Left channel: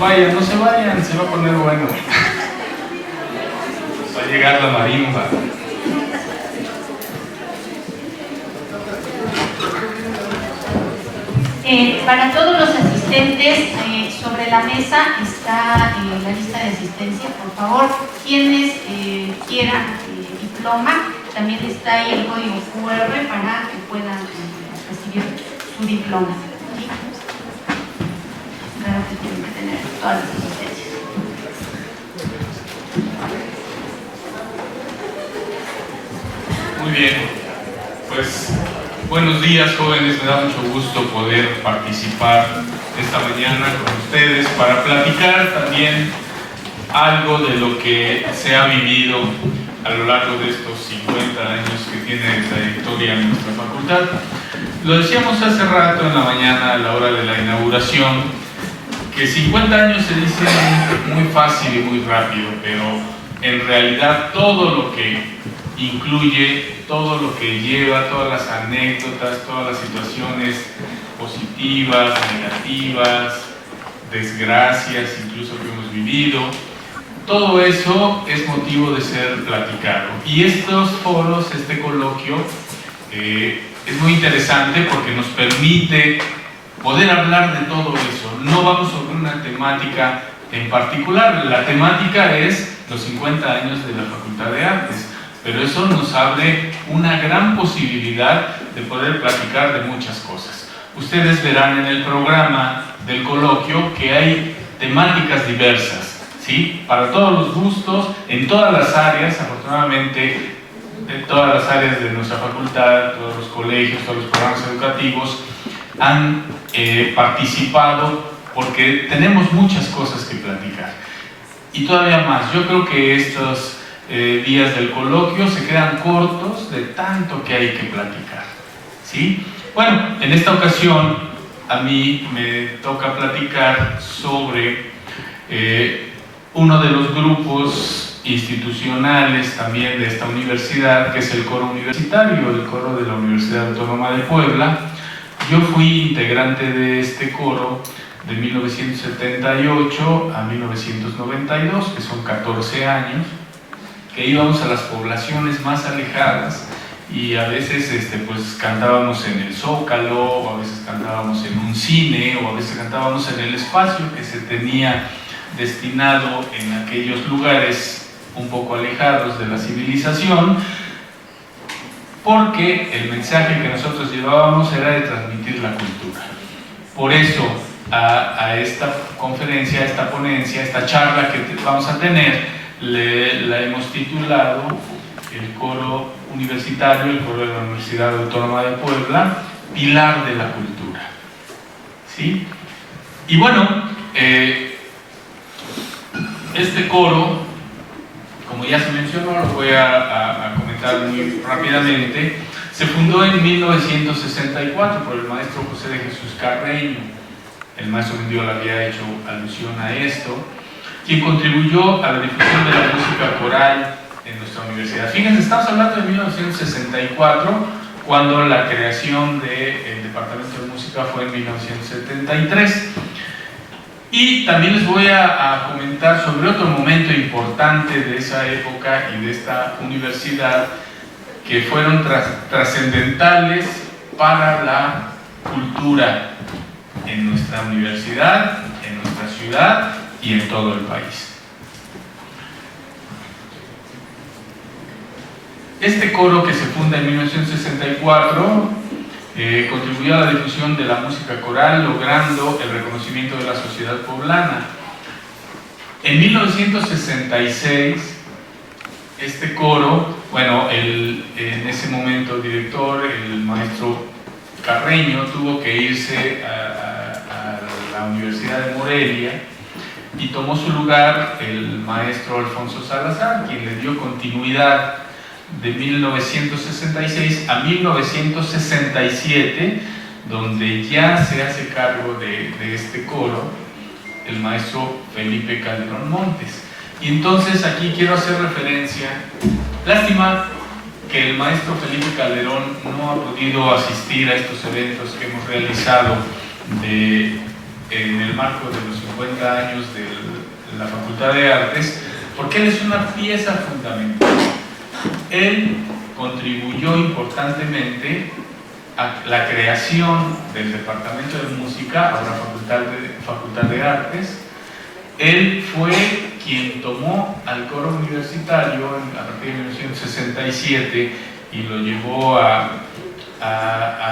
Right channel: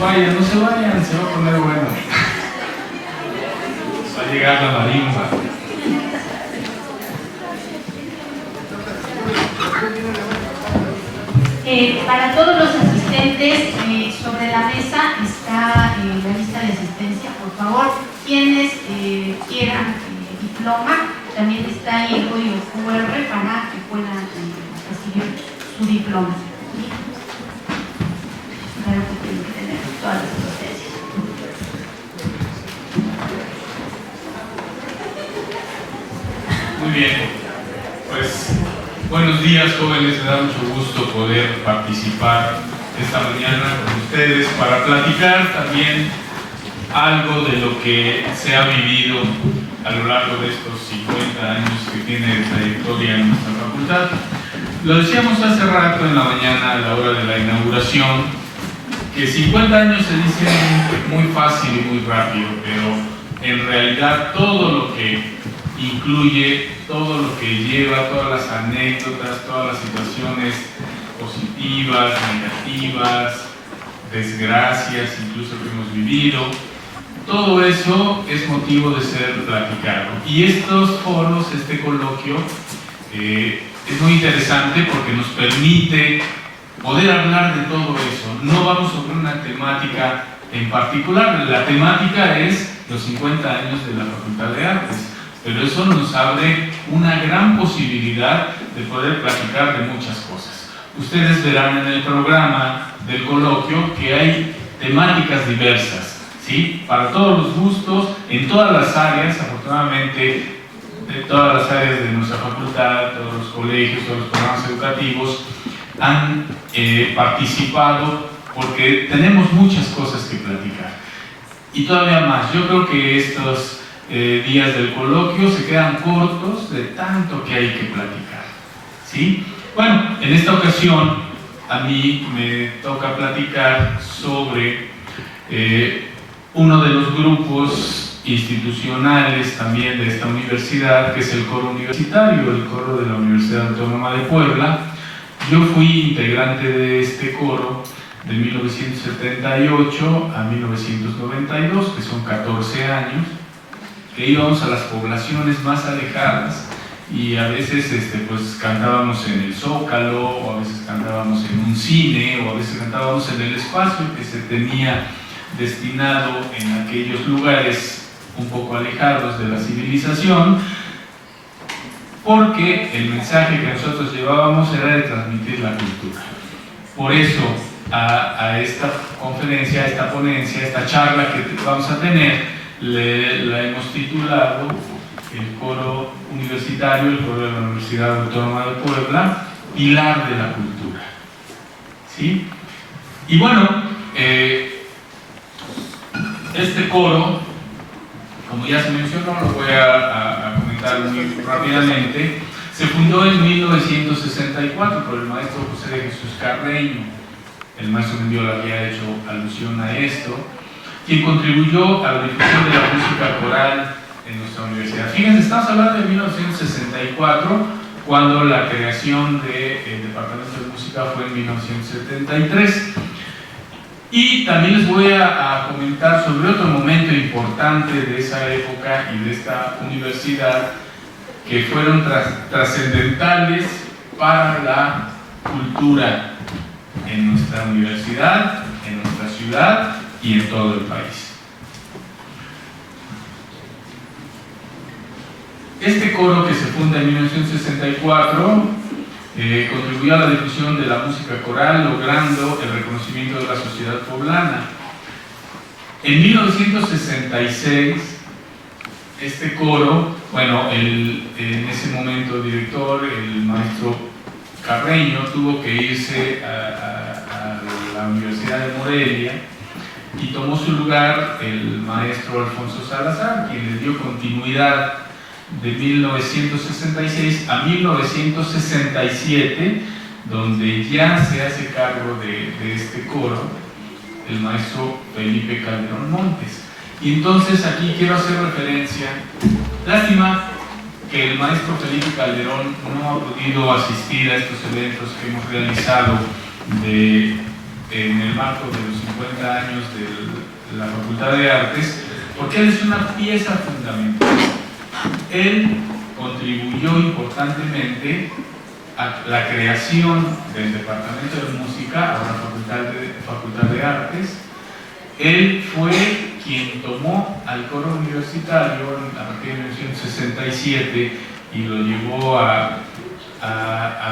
vayan, no se vayan, se va a poner bueno. Va a llegar la marimba. Para todos los asistentes, sobre la mesa está la lista de asistencia. Por favor, quienes quieran diploma, también está ahí el código QR para que puedan recibir su diploma. Claro que tienen que tener todas las asistencias. Muy bien, pues buenos días, jóvenes, me da mucho gusto poder participar esta mañana con ustedes para platicar también algo de lo que se ha vivido a lo largo de estos 50 años que tiene trayectoria en nuestra facultad. Lo decíamos hace rato en la mañana a la hora de la inauguración, que 50 años se dicen muy fácil y muy rápido, pero en realidad todo lo que incluye, todo lo que lleva, todas las anécdotas, todas las situaciones positivas, negativas, desgracias incluso que hemos vivido, todo eso es motivo de ser platicado. Y estos foros, este coloquio, es muy interesante porque nos permite poder hablar de todo eso. No vamos sobre una temática en particular, la temática es los 50 años de la Facultad de Artes. Pero eso nos abre una gran posibilidad de poder platicar de muchas cosas. Ustedes verán en el programa del coloquio que hay temáticas diversas, ¿sí? Para todos los gustos, en todas las áreas, afortunadamente, de todas las áreas de nuestra facultad, todos los colegios, todos los programas educativos han participado porque tenemos muchas cosas que platicar. Y todavía más, yo creo que estos días del coloquio se quedan cortos de tanto que hay que platicar, ¿sí? Bueno, en esta ocasión a mí me toca platicar sobre uno de los grupos institucionales también de esta universidad, que es el coro universitario, el coro de la Universidad Autónoma de Puebla. Yo fui integrante de este coro de 1978 a 1992, que son 14 años, que íbamos a las poblaciones más alejadas y a veces pues cantábamos en el Zócalo, o a veces cantábamos en un cine, o a veces cantábamos en el espacio que se tenía destinado en aquellos lugares un poco alejados de la civilización, porque el mensaje que nosotros llevábamos era de transmitir la cultura. Por eso a esta conferencia, a esta ponencia, a esta charla que vamos a tener, la hemos titulado el coro universitario, el coro de la Universidad Autónoma de Puebla, Pilar de la Cultura, ¿sí? Y bueno, este coro, como ya se mencionó, lo voy a comentar muy rápidamente, se fundó en 1964 por el maestro José de Jesús Carreño. El maestro Mendiola había hecho alusión a esto, quien contribuyó a la difusión de la música coral en nuestra universidad. Fíjense, estamos hablando de 1964, cuando la creación del Departamento de Música fue en 1973. Y también les voy a comentar sobre otro momento importante de esa época y de esta universidad, que fueron trascendentales para la cultura en nuestra universidad, en nuestra ciudad y en todo el país. Este coro, que se funda en 1964, contribuyó a la difusión de la música coral, logrando el reconocimiento de la sociedad poblana. En 1966, este coro, bueno, en ese momento director, el maestro Carreño, tuvo que irse a la Universidad de Morelia, y tomó su lugar el maestro Alfonso Salazar, quien le dio continuidad de 1966 a 1967, donde ya se hace cargo de este coro el maestro Felipe Calderón Montes. Y entonces aquí quiero hacer referencia, lástima que el maestro Felipe Calderón no ha podido asistir a estos eventos que hemos realizado de en el marco de los 50 años de la Facultad de Artes, porque él es una pieza fundamental. Él contribuyó importantemente a la creación del Departamento de Música, ahora Facultad de Artes. Él fue quien tomó al coro universitario a partir de 1967 y lo llevó a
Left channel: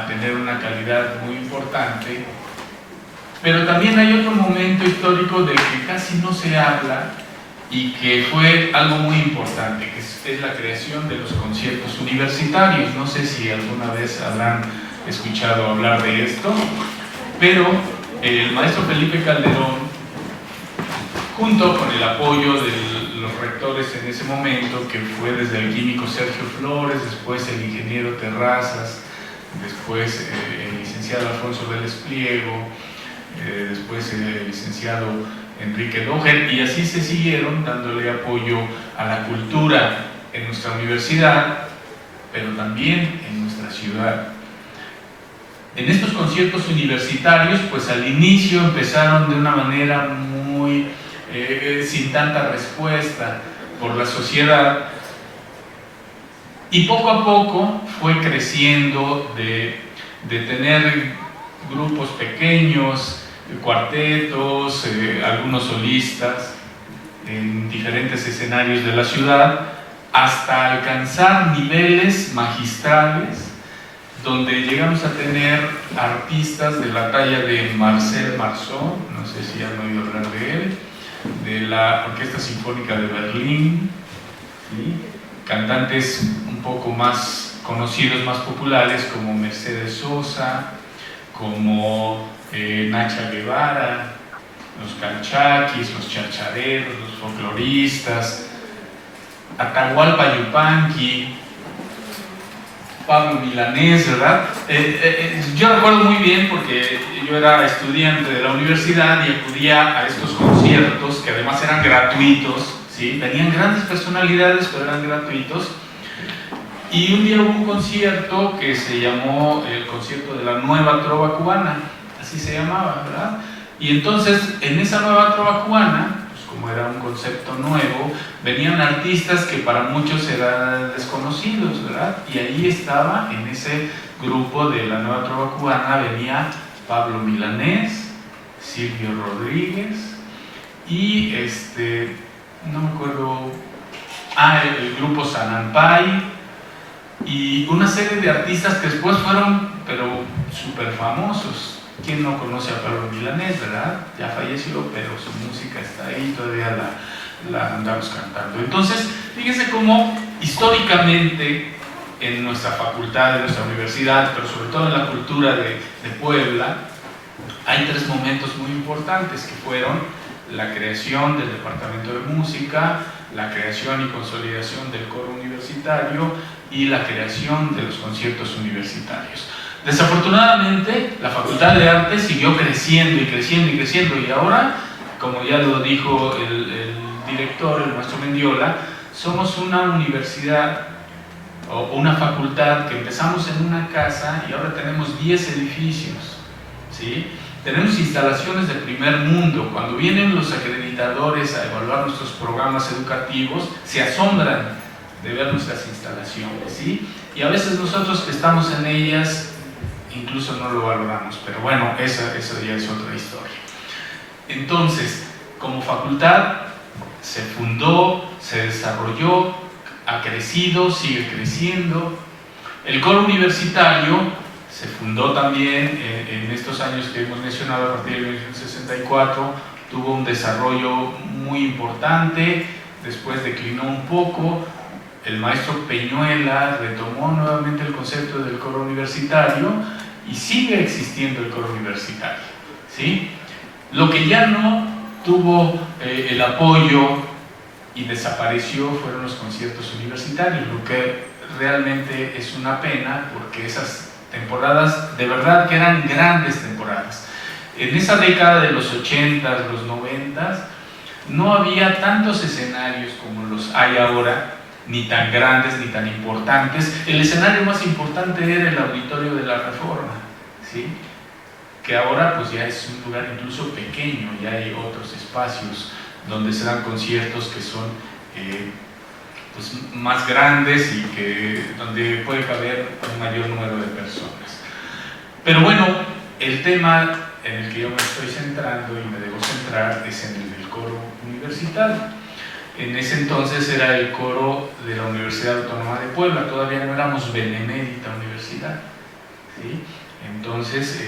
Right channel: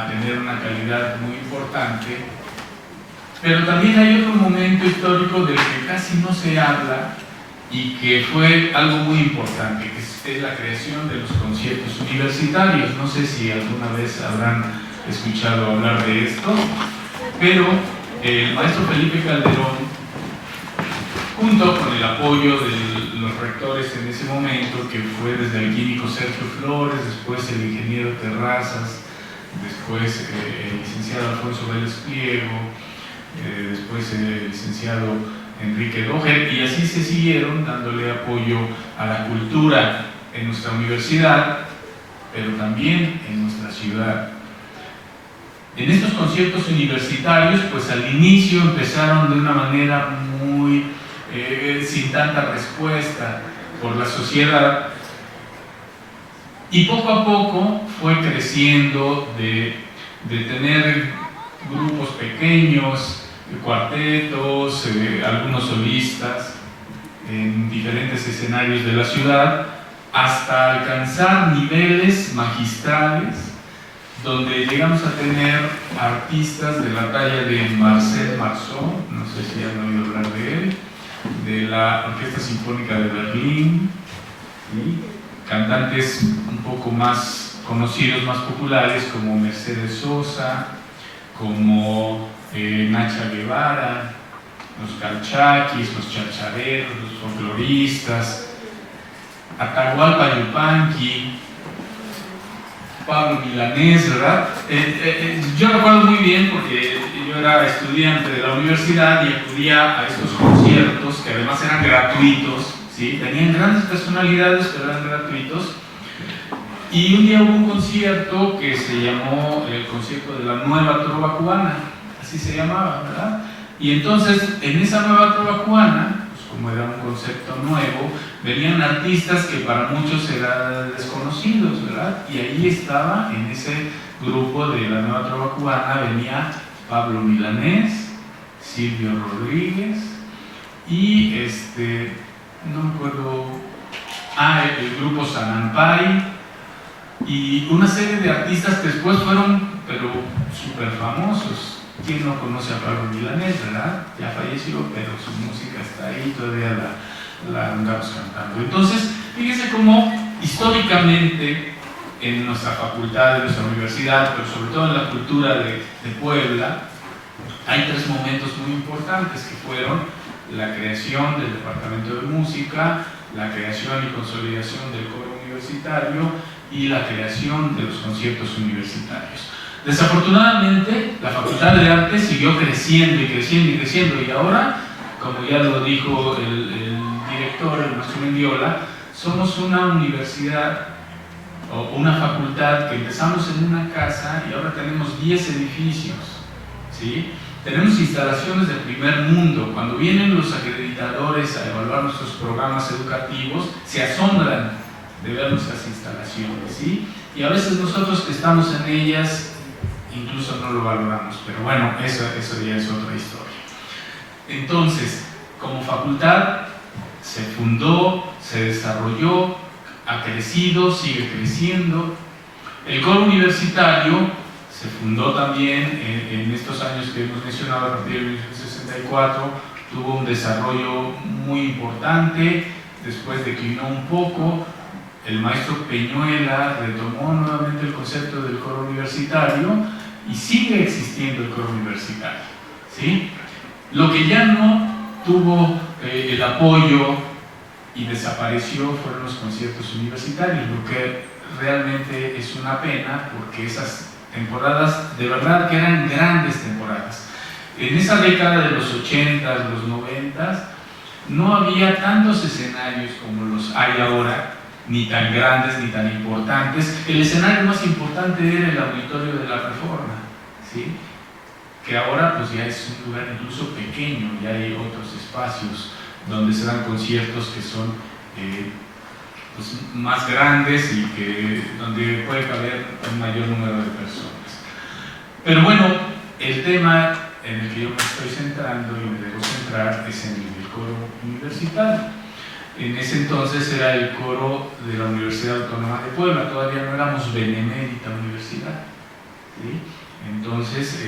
tener una calidad muy importante. Pero también hay otro momento histórico del que casi no se habla y que fue algo muy importante, que es la creación de los conciertos universitarios. No sé si alguna vez habrán escuchado hablar de esto, pero el maestro Felipe Calderón, junto con el apoyo de los rectores en ese momento, que fue desde el químico Sergio Flores, después el ingeniero Terrazas, después el licenciado Alfonso Vélez Pliego, después el licenciado Enrique Loger, y así se siguieron dándole apoyo a la cultura en nuestra universidad, pero también en nuestra ciudad. En estos conciertos universitarios, pues al inicio empezaron de una manera muy sin tanta respuesta por la sociedad, y poco a poco fue creciendo de tener grupos pequeños, cuartetos, algunos solistas en diferentes escenarios de la ciudad, hasta alcanzar niveles magistrales donde llegamos a tener artistas de la talla de Marcel Marceau, no sé si han oído hablar de él, de la Orquesta Sinfónica de Berlín, ¿sí? Cantantes un poco más conocidos, más populares, como Mercedes Sosa, como Nacha Guevara, los calchaquis, los chachareros, los folcloristas, Atahualpa Yupanqui, Pablo Milanés, ¿verdad? Yo recuerdo muy bien porque yo era estudiante de la universidad y acudía a estos conciertos que además eran gratuitos, ¿sí? Tenían grandes personalidades, pero eran gratuitos. Y un día hubo un concierto que se llamó el concierto de la Nueva Trova Cubana, así se llamaba, ¿verdad? Y entonces en esa Nueva Trova Cubana, pues como era un concepto nuevo, venían artistas que para muchos eran desconocidos, ¿verdad? Y ahí estaba, en ese grupo de la Nueva Trova Cubana, venía Pablo Milanés, Silvio Rodríguez y no me acuerdo, el grupo Sanampay, y una serie de artistas que después fueron, pero súper famosos. ¿Quién no conoce a Pablo Milanés, verdad? Ya falleció, pero su música está ahí, todavía la andamos cantando. Entonces, fíjense cómo históricamente en nuestra facultad, en nuestra universidad, pero sobre todo en la cultura de Puebla, hay tres momentos muy importantes que fueron la creación del Departamento de Música, la creación y consolidación del coro universitario y la creación de los conciertos universitarios. Desafortunadamente, la Facultad de Artes siguió creciendo y creciendo y creciendo, y ahora, como ya lo dijo el director, el maestro Mendiola, somos una universidad o una facultad que empezamos en una casa y ahora tenemos 10 edificios, ¿sí? Tenemos instalaciones de primer mundo. Cuando vienen los acreditadores a evaluar nuestros programas educativos, se asombran de ver nuestras instalaciones, ¿sí? Y a veces nosotros que estamos en ellas incluso no lo valoramos, pero bueno, eso ya es otra historia. Entonces, como facultad se fundó, se desarrolló, ha crecido, sigue creciendo. El coro universitario se fundó también en estos años que hemos mencionado, a partir de 1964, tuvo un desarrollo muy importante, después declinó un poco. El maestro Peñuela retomó nuevamente el concepto del coro universitario y sigue existiendo el coro universitario, ¿sí? Lo que ya no tuvo el apoyo y desapareció fueron los conciertos universitarios, lo que realmente es una pena, porque esas temporadas de verdad que eran grandes temporadas. En esa década de los 80s, los 90s, no había tantos escenarios como los hay ahora, ni tan grandes ni tan importantes. El escenario más importante era el Auditorio de la Reforma, ¿sí? que ahora pues ya es un lugar incluso pequeño, ya hay otros espacios donde se dan conciertos que son pues más grandes y donde puede caber un mayor número de personas. Pero bueno, el tema en el que yo me estoy centrando y me debo centrar es en el coro universitario. En ese entonces era el coro de la Universidad Autónoma de Puebla, todavía no éramos benemérita universidad, ¿sí? Entonces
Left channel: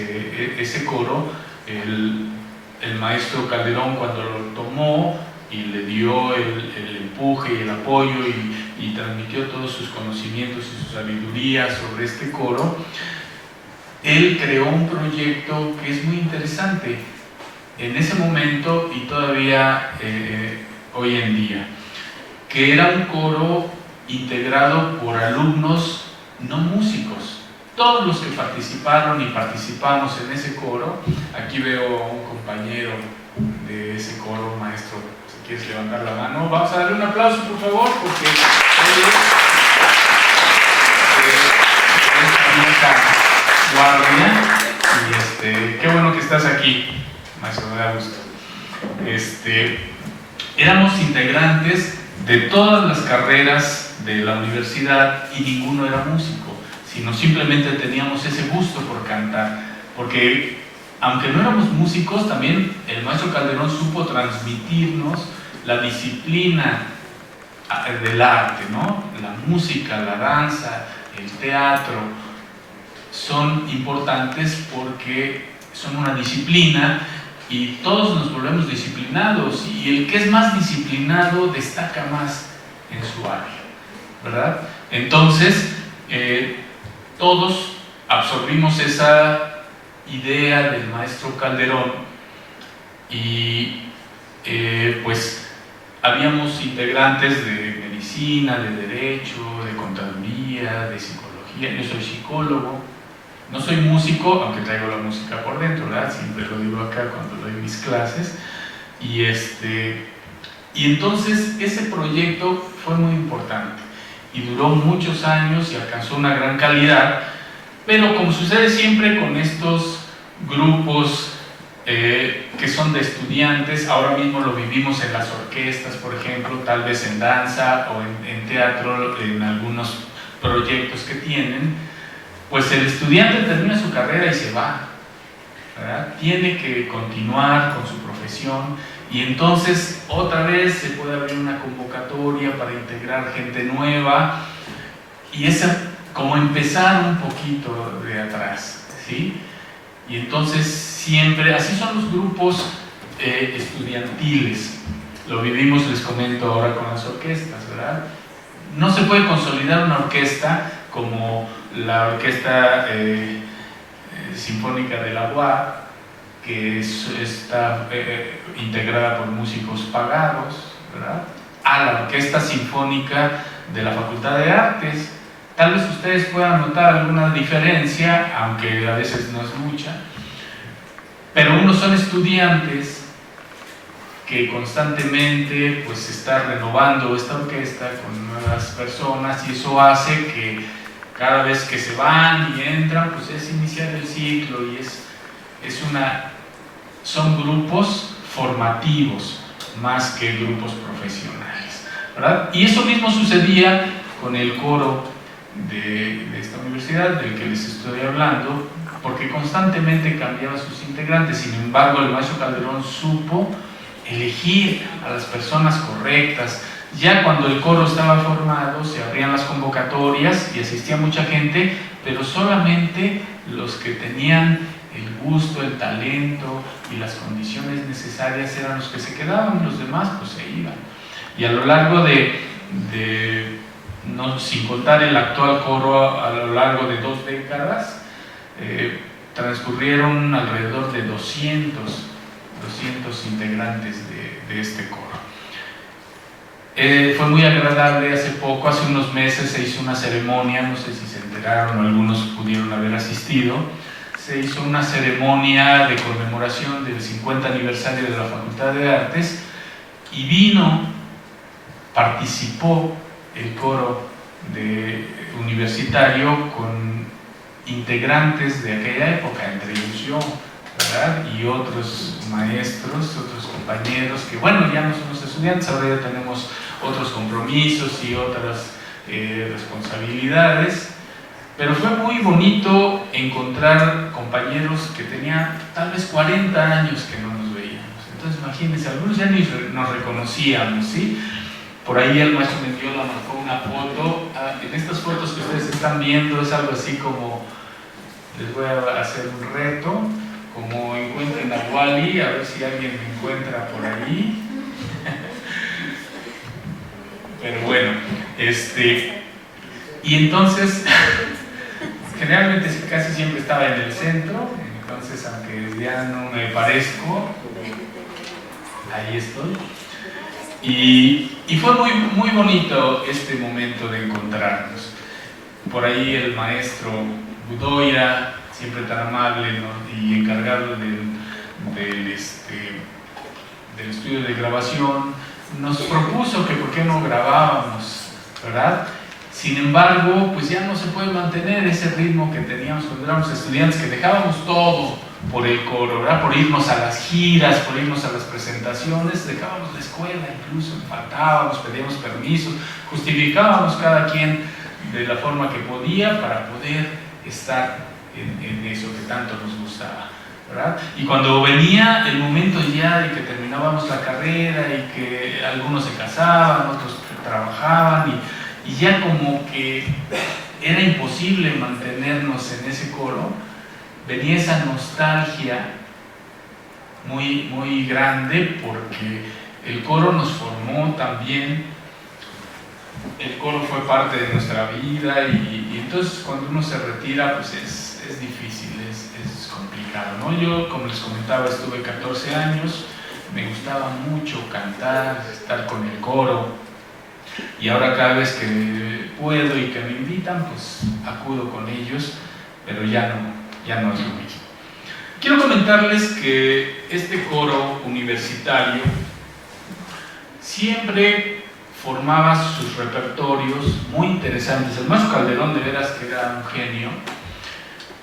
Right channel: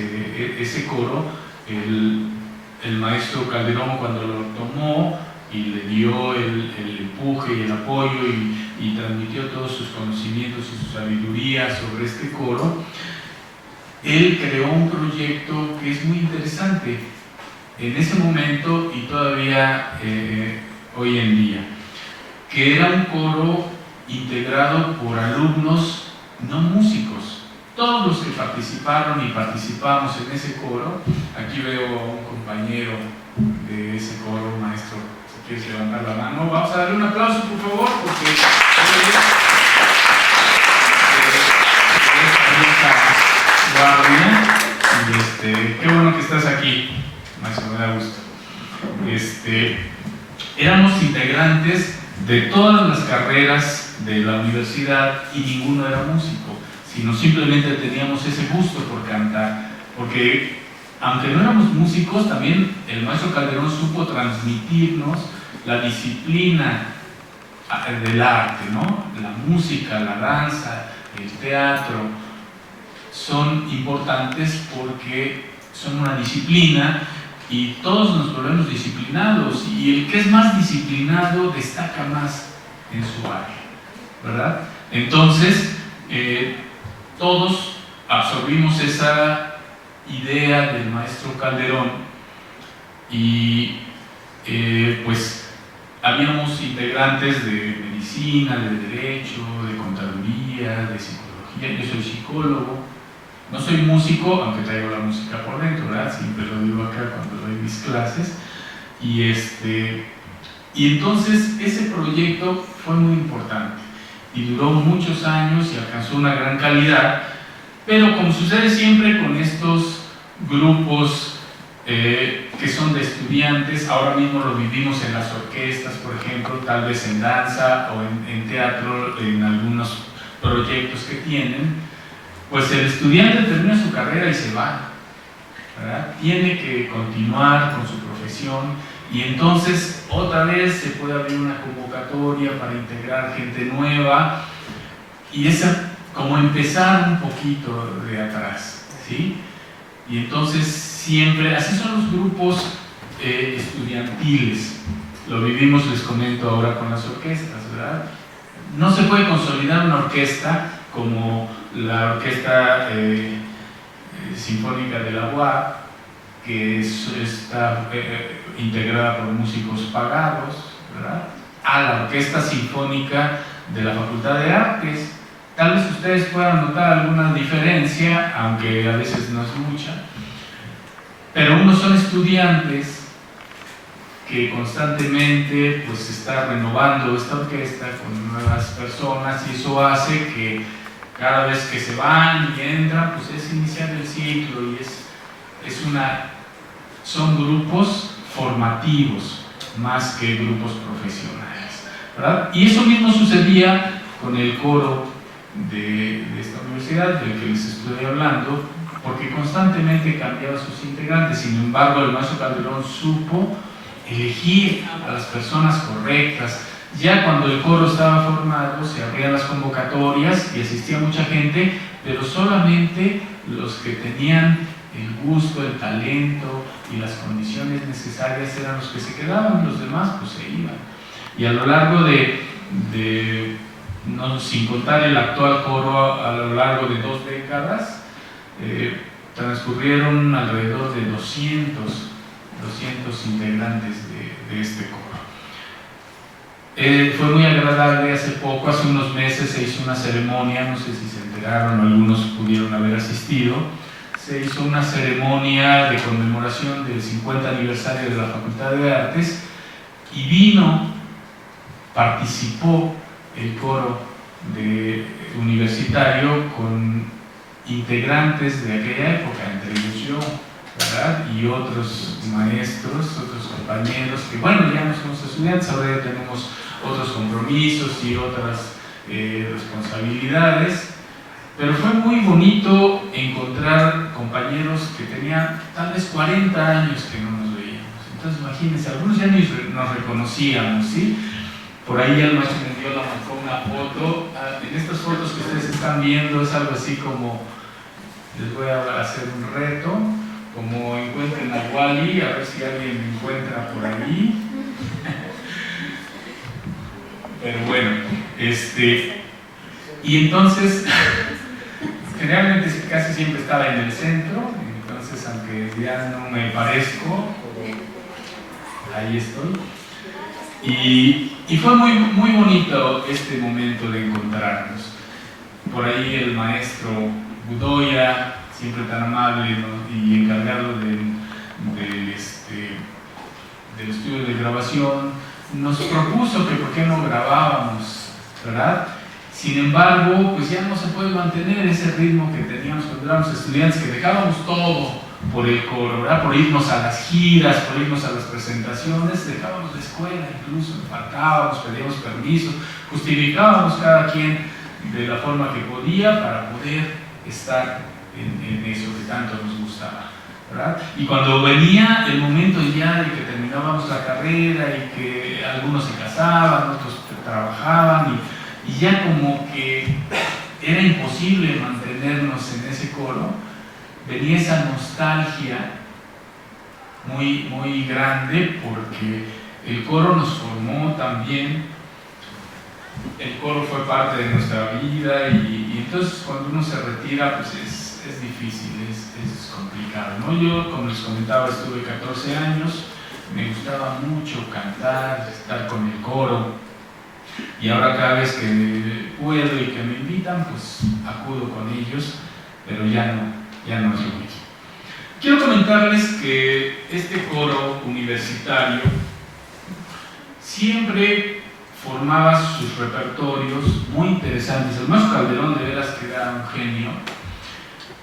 ese coro, el maestro Calderón, cuando lo tomó y le dio el empuje y el apoyo y transmitió todos sus conocimientos y su sabiduría sobre este coro, él creó un proyecto que es muy interesante en ese momento y todavía hoy en día, que era un coro integrado por alumnos no músicos. Todos los que participaron y participamos en ese coro, aquí veo a un compañero de ese coro, maestro, si quieres levantar la mano, vamos a darle un aplauso por favor, porque guardia, y qué bueno que estás aquí, maestro, me da gusto. Éramos integrantes de todas las carreras de la universidad y ninguno era músico, sino simplemente teníamos ese gusto por cantar, porque aunque no éramos músicos, también el maestro Calderón supo transmitirnos la disciplina del arte, ¿no? La música, la danza, el teatro, son importantes porque son una disciplina y todos nos volvemos disciplinados, y el que es más disciplinado destaca más en su área, ¿verdad? Entonces, todos absorbimos esa idea del maestro Calderón y pues habíamos integrantes de medicina, de derecho, de contaduría, de psicología. Yo soy psicólogo, no soy músico, aunque traigo la música por dentro, ¿verdad? Siempre lo digo acá cuando doy mis clases. Y entonces ese proyecto fue muy importante y duró muchos años y alcanzó una gran calidad, pero como sucede siempre con estos grupos que son de estudiantes, ahora mismo lo vivimos en las orquestas, por ejemplo, tal vez en danza o en teatro, en algunos proyectos que tienen, pues el estudiante termina su carrera y se va, ¿verdad? Tiene que continuar con su profesión y entonces otra vez se puede abrir una convocatoria para integrar gente nueva y es como empezar un poquito de atrás, ¿sí? Y entonces siempre, así son los grupos estudiantiles, lo vivimos, les comento ahora con las orquestas, ¿verdad? No se puede consolidar una orquesta como la Orquesta Sinfónica de la UAP, que está integrada por músicos pagados, ¿verdad?, a la Orquesta Sinfónica de la Facultad de Artes. Tal vez ustedes puedan notar alguna diferencia, aunque a veces no es mucha, pero unos son estudiantes que constantemente pues está renovando esta orquesta con nuevas personas y eso hace que cada vez que se van y entran pues es iniciar el ciclo y son grupos formativos más que grupos profesionales, ¿verdad? Y eso mismo sucedía con el coro de esta universidad del que les estoy hablando, porque constantemente cambiaban sus integrantes. Sin embargo, el maestro Calderón supo elegir a las personas correctas. Ya cuando el coro estaba formado, se abrían las convocatorias y asistía mucha gente, pero solamente los que tenían el gusto, el talento y las condiciones necesarias eran los que se quedaban, los demás pues se iban. Y a lo largo no, sin contar el actual coro, a lo largo de 2 décadas, transcurrieron alrededor de 200 integrantes de este coro. Fue muy agradable. Hace unos meses se hizo una ceremonia, no sé si se enteraron, algunos pudieron haber asistido. Se hizo una ceremonia de conmemoración del 50 aniversario de la Facultad de Artes y participó el coro universitario con integrantes de aquella época, entre ellos yo, ¿verdad? Y otros maestros, otros compañeros que, bueno, ya no somos estudiantes, ahora ya tenemos otros compromisos y otras responsabilidades, pero fue muy bonito encontrar compañeros que tenían tal vez 40 años que no nos veíamos. Entonces imagínense, algunos ya ni nos reconocíamos, ¿sí? Por ahí el maestro Mendiola marcó una foto. En estas fotos que ustedes están viendo es algo así como, les voy a hacer un reto, como encuentren a Wally, a ver si alguien me encuentra por ahí. Pero bueno, y entonces generalmente casi siempre estaba en el centro, entonces aunque ya no me parezco, ahí estoy. Y fue muy, muy bonito este momento de encontrarnos. Por ahí el maestro Budoya, siempre tan amable, ¿no? Y encargado del estudio de grabación, nos propuso que por qué no grabábamos, ¿verdad? Sin embargo, pues ya no se puede mantener ese ritmo que teníamos cuando éramos estudiantes, que dejábamos todo por el coro, ¿verdad? Por irnos a las giras, por irnos a las presentaciones, dejábamos la escuela, incluso faltábamos, pedíamos permiso, justificábamos cada quien de la forma que podía para poder estar en eso que tanto nos gustaba, ¿verdad? Y cuando venía el momento ya de que terminábamos la carrera y que algunos se casaban, otros trabajaban y ya como que era imposible mantenernos en ese coro, venía esa nostalgia muy, muy grande, porque el coro nos formó también, el coro fue parte de nuestra vida y entonces cuando uno se retira pues es difícil, es complicado, ¿no? Yo, como les comentaba, estuve 14 años, me gustaba mucho cantar, estar con el coro, y ahora cada vez que puedo y que me invitan pues acudo con ellos, pero ya no es lo mismo. Quiero comentarles que este coro universitario siempre formaba sus repertorios muy interesantes. El maestro Calderón, de veras que era un genio,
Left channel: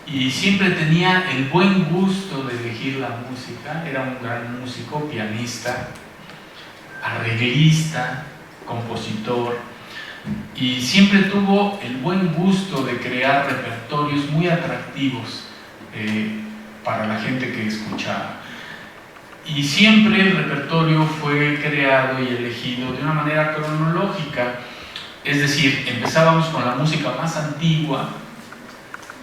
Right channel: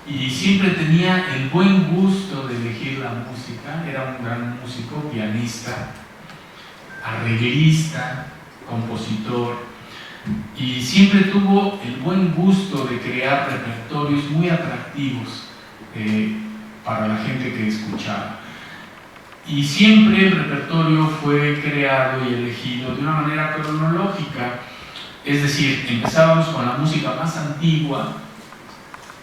y siempre tenía el buen gusto de elegir la música. Era un gran músico, pianista, arreglista, compositor, y siempre tuvo el buen gusto de crear repertorios muy atractivos para la gente que escuchaba. Y siempre el repertorio fue creado y elegido de una manera cronológica, es decir, empezábamos con la música más antigua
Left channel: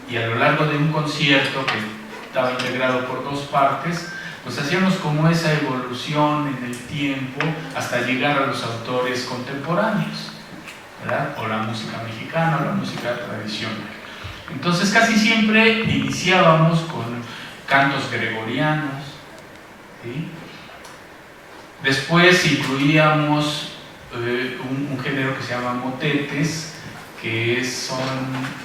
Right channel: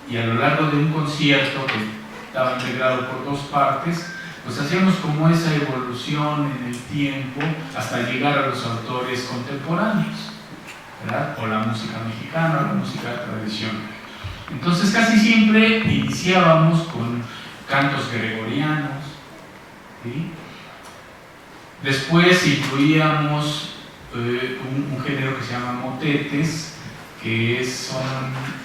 y a lo largo de un concierto que estaba integrado por dos partes, pues hacíamos como esa evolución en el tiempo hasta llegar a los autores contemporáneos, ¿verdad? O la música mexicana o la música tradicional. Entonces casi siempre iniciábamos con cantos gregorianos, ¿sí? Después incluíamos un género que se llama motetes, que son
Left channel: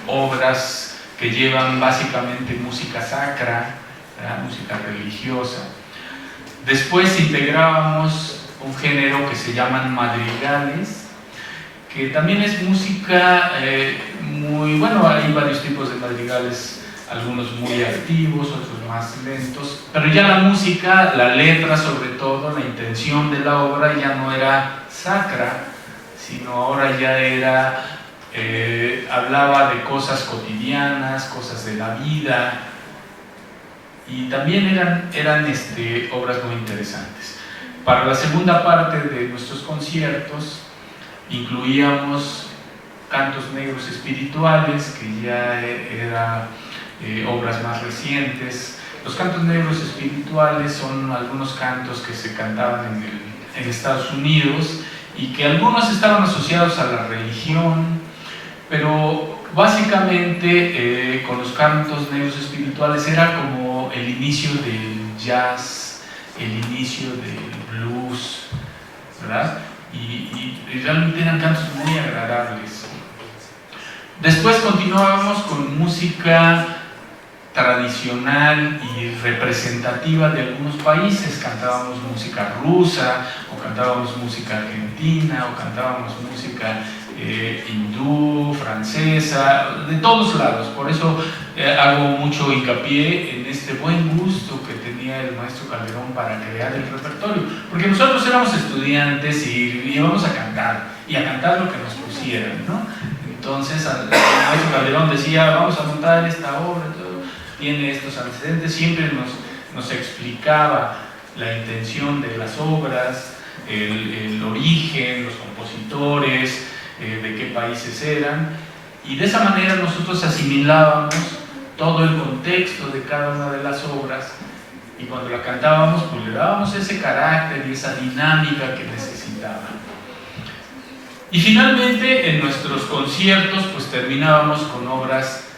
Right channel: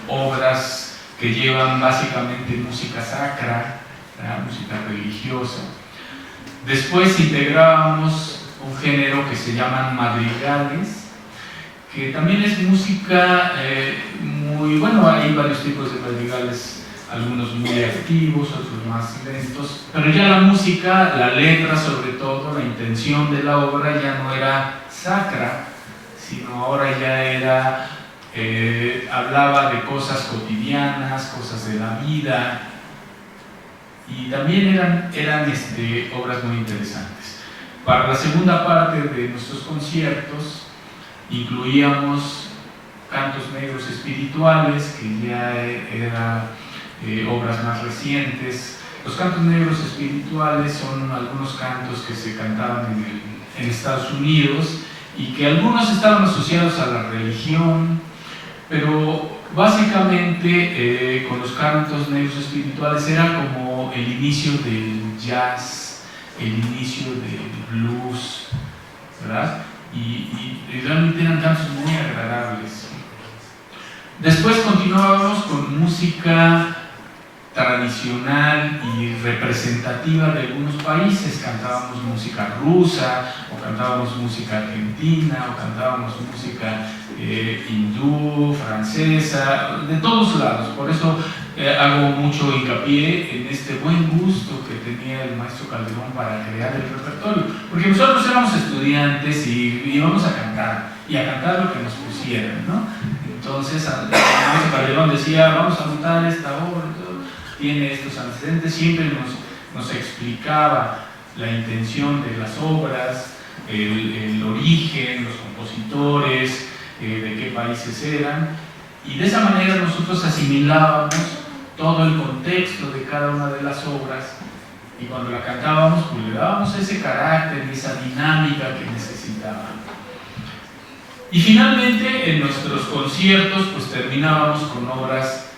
obras que llevan básicamente música sacra, ¿verdad? Música religiosa. Después integrábamos un género que se llaman madrigales, que también es música muy, bueno, hay varios tipos de madrigales, algunos muy activos, otros más lentos, pero ya la música, la letra sobre todo, la intención de la obra ya no era sacra, sino ahora ya era, hablaba de cosas cotidianas, cosas de la vida, y también eran obras muy interesantes. Para la segunda parte de nuestros conciertos incluíamos cantos negros espirituales, que ya eran obras más recientes. Los cantos negros espirituales son algunos cantos que se cantaban en Estados Unidos y que algunos estaban asociados a la religión, pero básicamente con los cantos negros espirituales era como el inicio del jazz, el inicio del blues, ¿verdad? Y realmente eran cantos muy agradables. Después continuábamos con música tradicional y representativa de algunos países. Cantábamos música rusa, o cantábamos música argentina, o cantábamos música hindú, francesa, de todos lados. Por eso hago mucho hincapié en este buen gusto que tenía el maestro Calderón para crear el repertorio, porque nosotros éramos estudiantes y íbamos a cantar lo que nos pusieran, ¿no? Entonces el maestro Calderón decía, vamos a montar esta obra, tiene estos antecedentes, siempre nos explicaba la intención de las obras, el origen, los compositores, de qué países eran, y de esa manera nosotros asimilábamos todo el contexto de cada una de las obras, y cuando la cantábamos pues le dábamos ese carácter y esa dinámica que necesitaban. Y finalmente en nuestros conciertos pues terminábamos con obras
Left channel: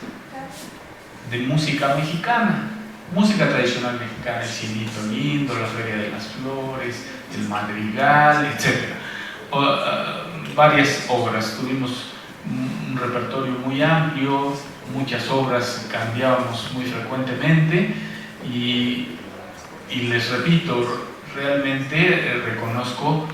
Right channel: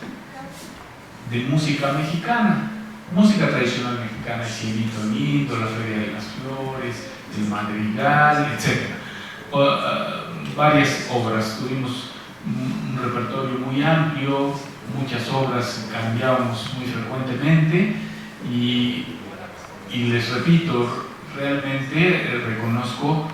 de música mexicana, música tradicional mexicana, el Cirito Lindo, la Feria de las Flores, el Madrigal, etc. Varias obras, tuvimos un repertorio muy amplio, muchas obras, cambiábamos muy frecuentemente y les repito, realmente reconozco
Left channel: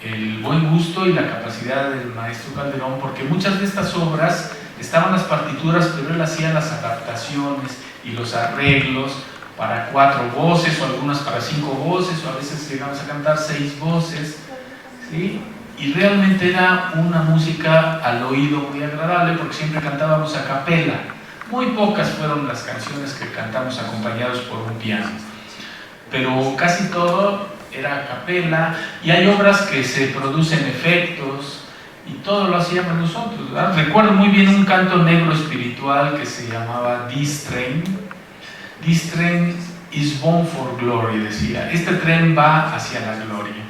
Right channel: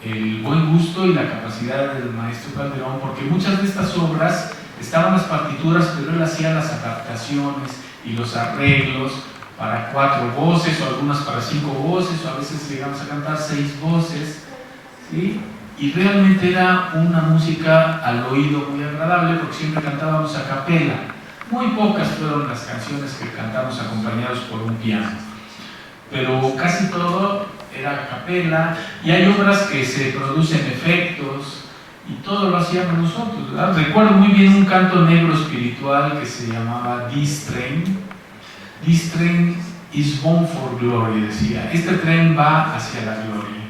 el buen gusto y la capacidad del maestro Calderón, porque muchas de estas obras estaban las partituras, pero él hacía las adaptaciones y los arreglos para 4 voces o algunas para 5 voces, o a veces llegamos a cantar 6 voces, ¿sí? Y realmente era una música al oído muy agradable porque siempre cantábamos a capela. Muy pocas fueron las canciones que cantamos acompañados por un piano, pero casi todo era a capela, y hay obras que se producen efectos y todo lo hacíamos nosotros, ¿verdad? Recuerdo muy bien un canto negro espiritual que se llamaba This Train. This train is bound for glory, decía, este tren va hacia la gloria.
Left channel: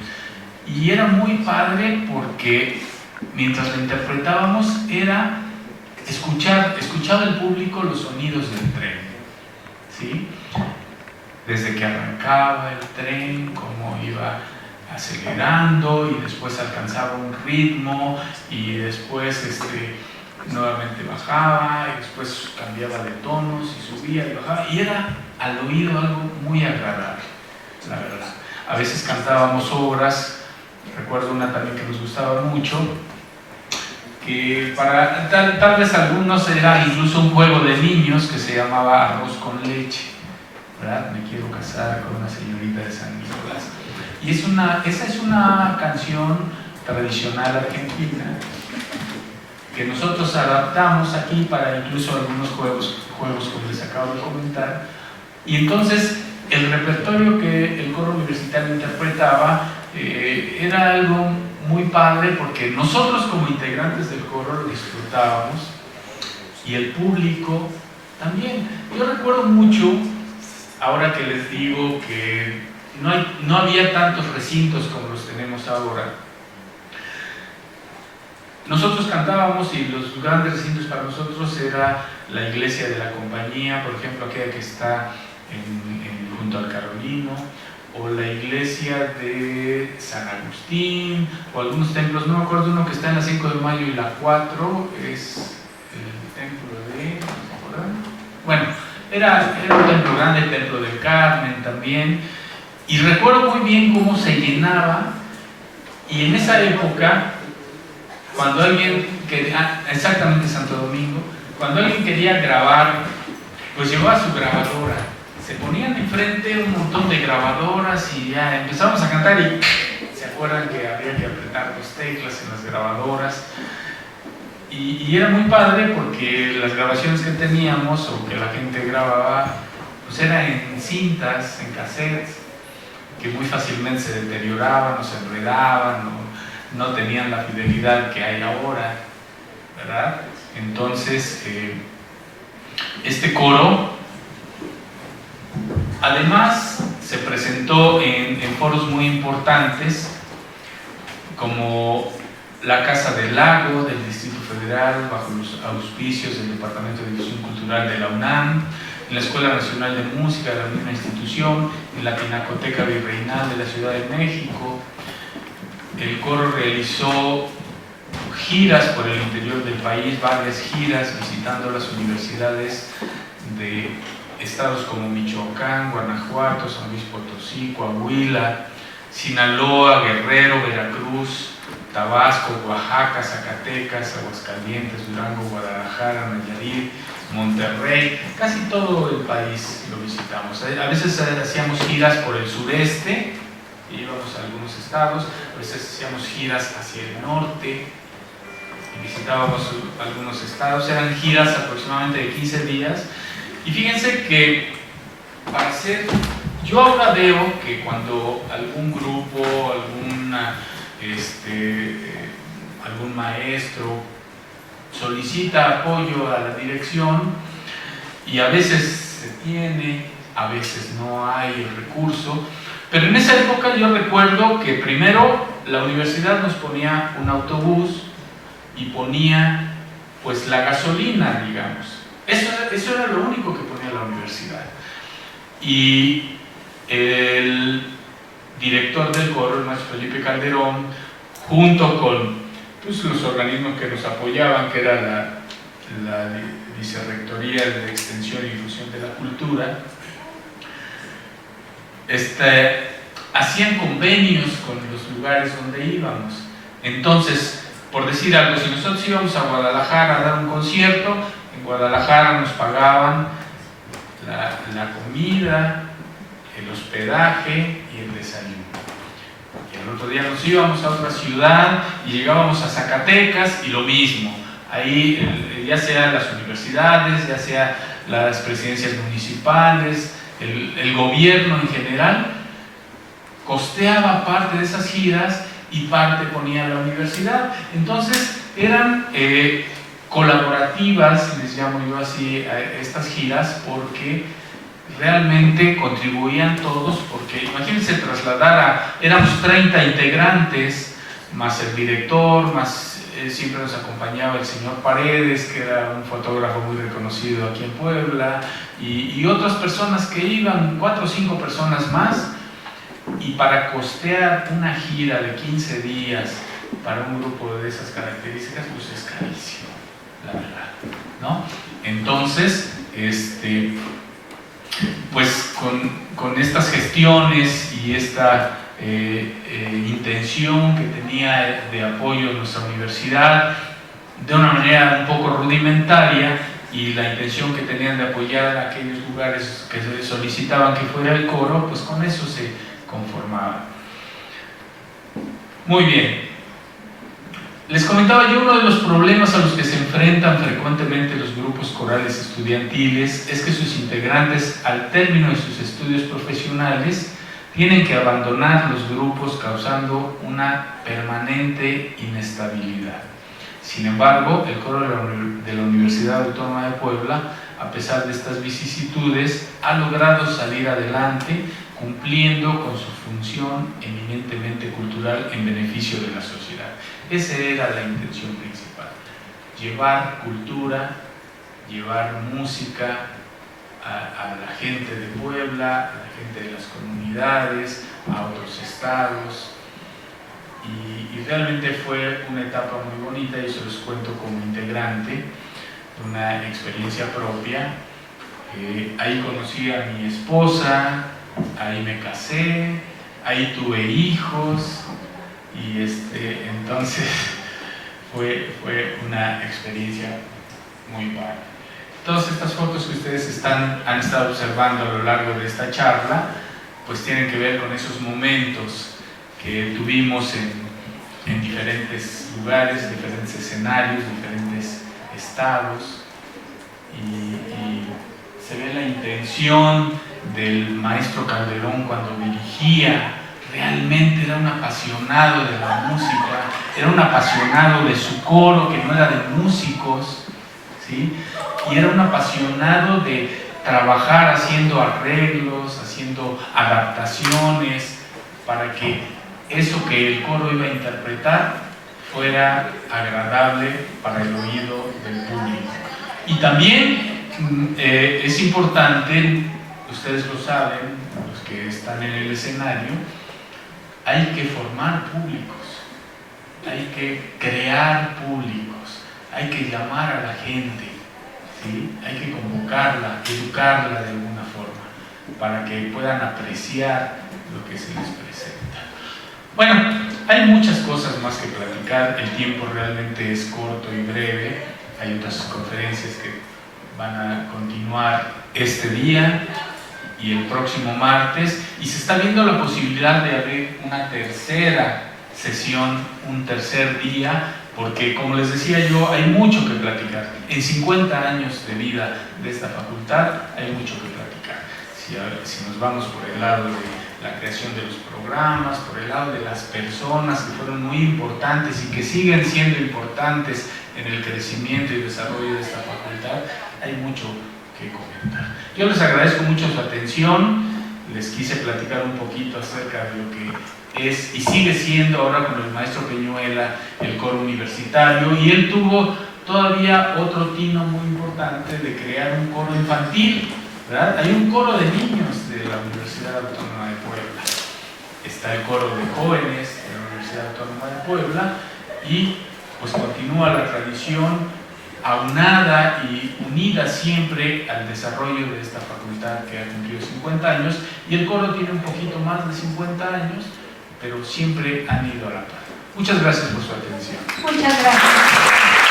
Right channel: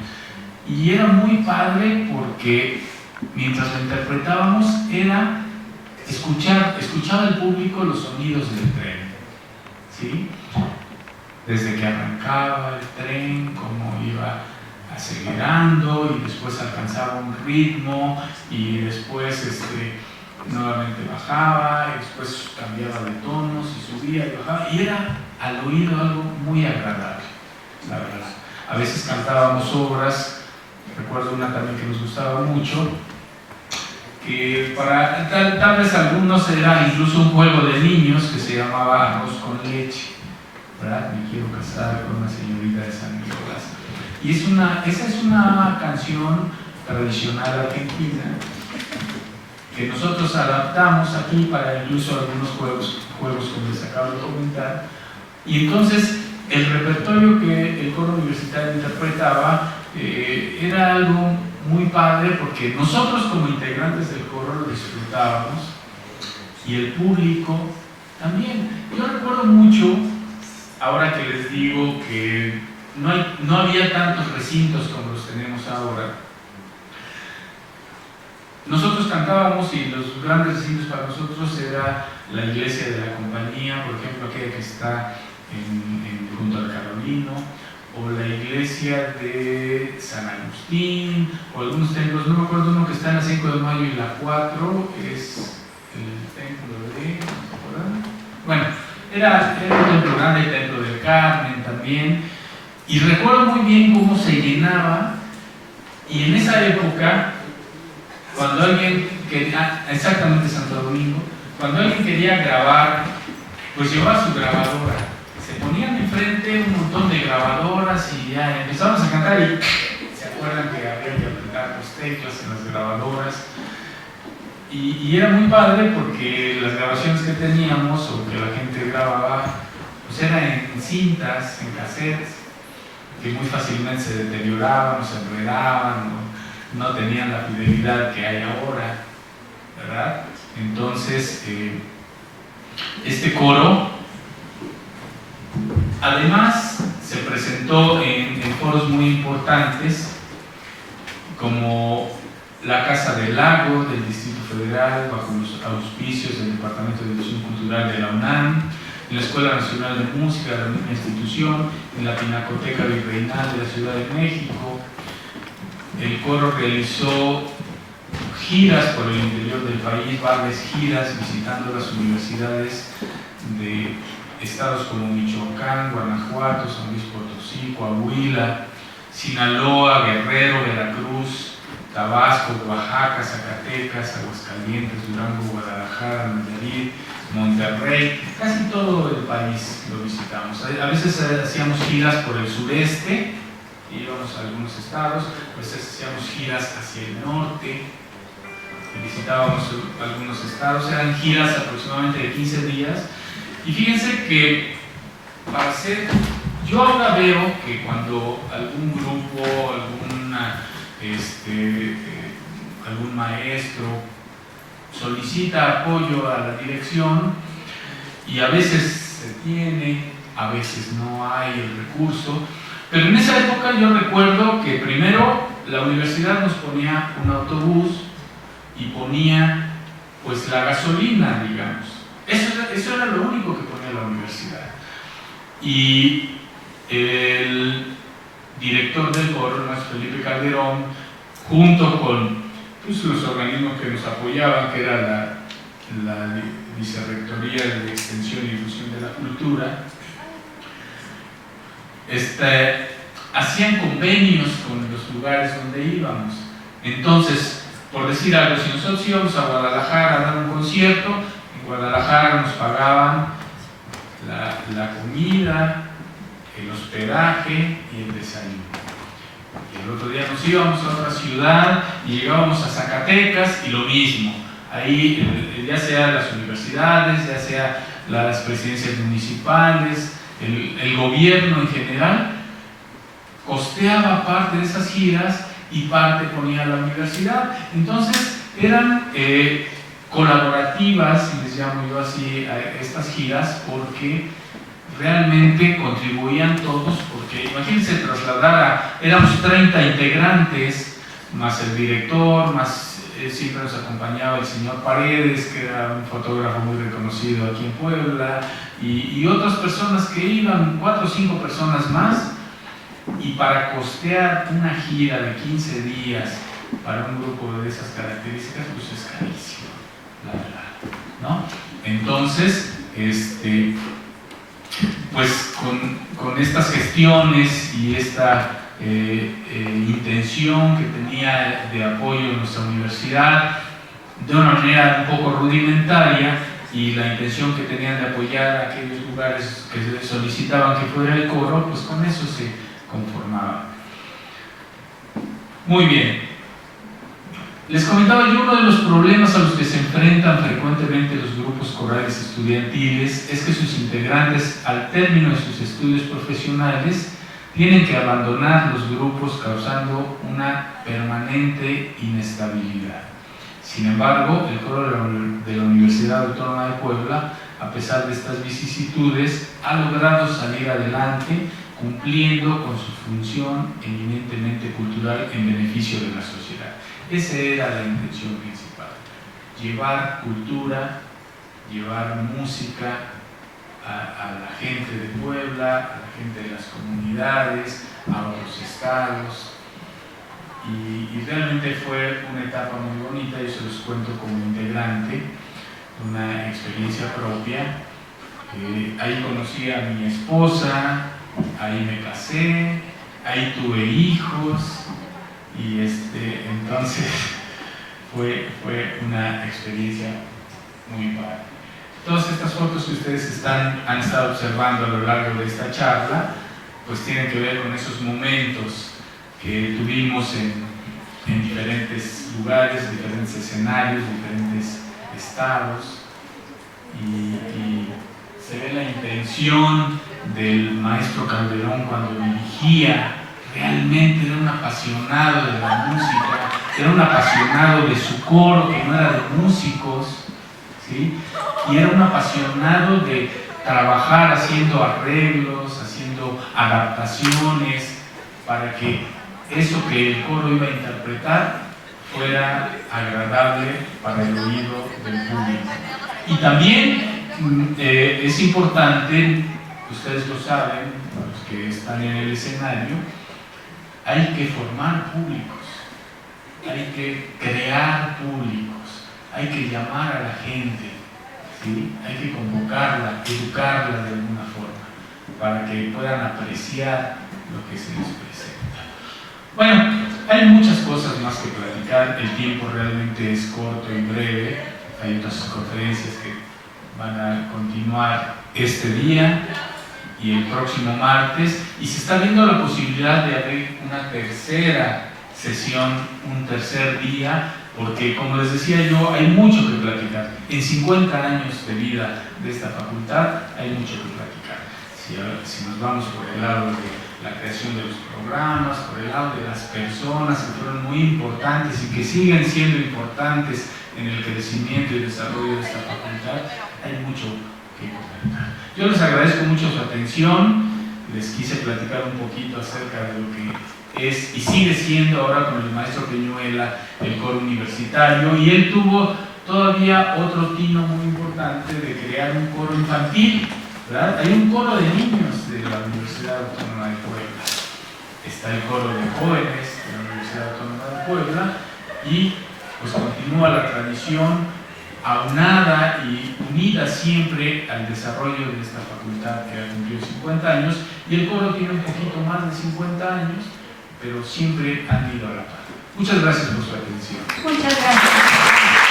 Y era muy padre porque mientras lo interpretábamos era escuchaba el público los sonidos del tren, ¿sí? Desde que arrancaba el tren, cómo iba acelerando y después alcanzaba un ritmo y después nuevamente bajaba y después cambiaba de tonos y subía y bajaba, y era al oído algo muy agradable, la verdad. A veces cantábamos obras, recuerdo una también que nos gustaba mucho, que para tal vez algunos era incluso un juego de niños que se llamaba Arroz con leche, ¿verdad? Me quiero casar con una señorita de San Nicolás. Y esa es una canción tradicional argentina que nosotros adaptamos aquí para incluso algunos juegos como les acabo de comentar. Y entonces el repertorio que el coro universitario interpretaba era algo muy padre porque nosotros como integrantes del coro lo disfrutábamos y el público también. Yo recuerdo mucho, ahora que les digo que no había tantos recintos como los tenemos ahora, nosotros cantábamos y los grandes recintos para nosotros era la iglesia de la Compañía, por ejemplo aquella que está junto al Carolino, o la iglesia de San Agustín, o algunos templos, no me acuerdo uno que está en la 5 de Mayo y la 4, es el templo de... Bueno, era un templo grande, el templo del Carmen también, y recuerdo muy bien cómo se llenaba, y en esa época, cuando alguien quería, exactamente Santo Domingo, cuando alguien quería grabar, pues llevaba su grabadora. Se ponían enfrente un montón de grabadoras y ya empezamos a cantar y se acuerdan que había que apretar los teclas en las grabadoras y era muy padre porque las grabaciones que teníamos o que la gente grababa pues eran en cintas, en cassettes que muy fácilmente se deterioraban o se enredaban o no tenían la fidelidad que hay ahora, ¿verdad? Entonces este coro además se presentó en foros muy importantes como la Casa del Lago del Distrito Federal bajo los auspicios del Departamento de Difusión Cultural de la UNAM, en la Escuela Nacional de Música de la misma institución, en la Pinacoteca Virreinal de la Ciudad de México. El coro realizó giras por el interior del país, varias giras visitando las universidades de estados como Michoacán, Guanajuato, San Luis Potosí, Coahuila, Sinaloa, Guerrero, Veracruz, Tabasco, Oaxaca, Zacatecas, Aguascalientes, Durango, Guadalajara, Nayarit, Monterrey, casi todo el país lo visitamos. A veces hacíamos giras por el sureste, íbamos a algunos estados, a veces hacíamos giras hacia el norte, visitábamos algunos estados, eran giras aproximadamente de 15 días. Y fíjense que para hacer, yo ahora veo que cuando algún grupo, algún maestro solicita apoyo a la dirección, y a veces se tiene, a veces no hay el recurso, pero en esa época yo recuerdo que primero la universidad nos ponía un autobús y ponía pues la gasolina, digamos. Eso era lo único que ponía la universidad. Y el director del coro, el maestro Felipe Calderón, junto con pues, los organismos que nos apoyaban, que era la Vicerrectoría de Extensión y Difusión de la Cultura, hacían convenios con los lugares donde íbamos. Entonces, por decir algo, si nosotros íbamos a Guadalajara a dar un concierto, en Guadalajara nos pagaban la comida, el hospedaje y el desayuno. Y el otro día nos íbamos a otra ciudad y llegábamos a Zacatecas y lo mismo. Ahí, ya sea las universidades, ya sea las presidencias municipales, el gobierno en general, costeaba parte de esas giras y parte ponía la universidad. Entonces eran colaborativas, les llamo yo así a estas giras, porque realmente contribuían todos, porque imagínense trasladar éramos 30 integrantes, más el director, más siempre nos acompañaba el señor Paredes, que era un fotógrafo muy reconocido aquí en Puebla, y otras personas que iban, 4 o 5 personas más, y para costear una gira de 15 días para un grupo de esas características, pues es carísimo, la verdad, ¿no? Entonces, pues con estas gestiones y esta intención que tenía de apoyo a nuestra universidad, de una manera un poco rudimentaria, y la intención que tenían de apoyar a aquellos lugares que solicitaban que fuera el coro, pues con eso se conformaba. Muy bien. Les comentaba yo, uno de los problemas a los que se enfrentan frecuentemente los grupos corales estudiantiles es que sus integrantes, al término de sus estudios profesionales, tienen que abandonar los grupos, causando una permanente inestabilidad. Sin embargo, el coro de la Universidad Autónoma de Puebla, a pesar de estas vicisitudes, ha logrado salir adelante, cumpliendo con su función eminentemente cultural en beneficio de la sociedad. Esa era la intención principal: llevar cultura, llevar música a la gente de Puebla, a la gente de las comunidades, a otros estados. Y realmente fue una etapa muy bonita, y eso les cuento como integrante, una experiencia propia. Ahí conocí a mi esposa, ahí me casé, ahí tuve hijos, y entonces fue una experiencia muy padre. Todas estas fotos que ustedes han estado observando a lo largo de esta charla, pues tienen que ver con esos momentos que tuvimos en diferentes lugares, diferentes escenarios, diferentes estados, y se ve la intención del maestro Calderón cuando dirigía. Realmente era un apasionado de la música, era un apasionado de su coro, que no era de músicos, ¿sí? Y era un apasionado de trabajar haciendo arreglos, haciendo adaptaciones, para que eso que el coro iba a interpretar fuera agradable para el oído del público. Y también es importante, ustedes lo saben, los que están en el escenario, hay que formar públicos, hay que crear públicos, hay que llamar a la gente, ¿sí? Hay que convocarla, educarla de alguna forma, para que puedan apreciar lo que se les presenta. Bueno, hay hay muchas cosas más que platicar, el tiempo realmente es corto y breve, hay otras conferencias que van a continuar este día y el próximo martes, y se está viendo la posibilidad de abrir una tercera sesión, un tercer día, porque como les decía yo, hay mucho que platicar. En 50 años de vida de esta facultad hay mucho que platicar. Si nos vamos por el lado de la creación de los programas, por el lado de las personas que fueron muy importantes y que siguen siendo importantes en el crecimiento y desarrollo de esta facultad, hay mucho que comentar. Yo les agradezco mucho su atención, les quise platicar un poquito acerca de lo que es y sigue siendo ahora con el maestro Peñuela el coro universitario, y él tuvo todavía otro tino muy importante de crear un coro infantil, ¿verdad? Hay un coro de niños de la Universidad Autónoma de Puebla, está el coro de jóvenes de la Universidad Autónoma de Puebla, y pues continúa la tradición aunada y unida siempre al desarrollo de esta facultad que ha cumplido 50 años, y el coro tiene un poquito más de 50 años, pero siempre han ido a la par. Muchas gracias por su atención. Muchas gracias.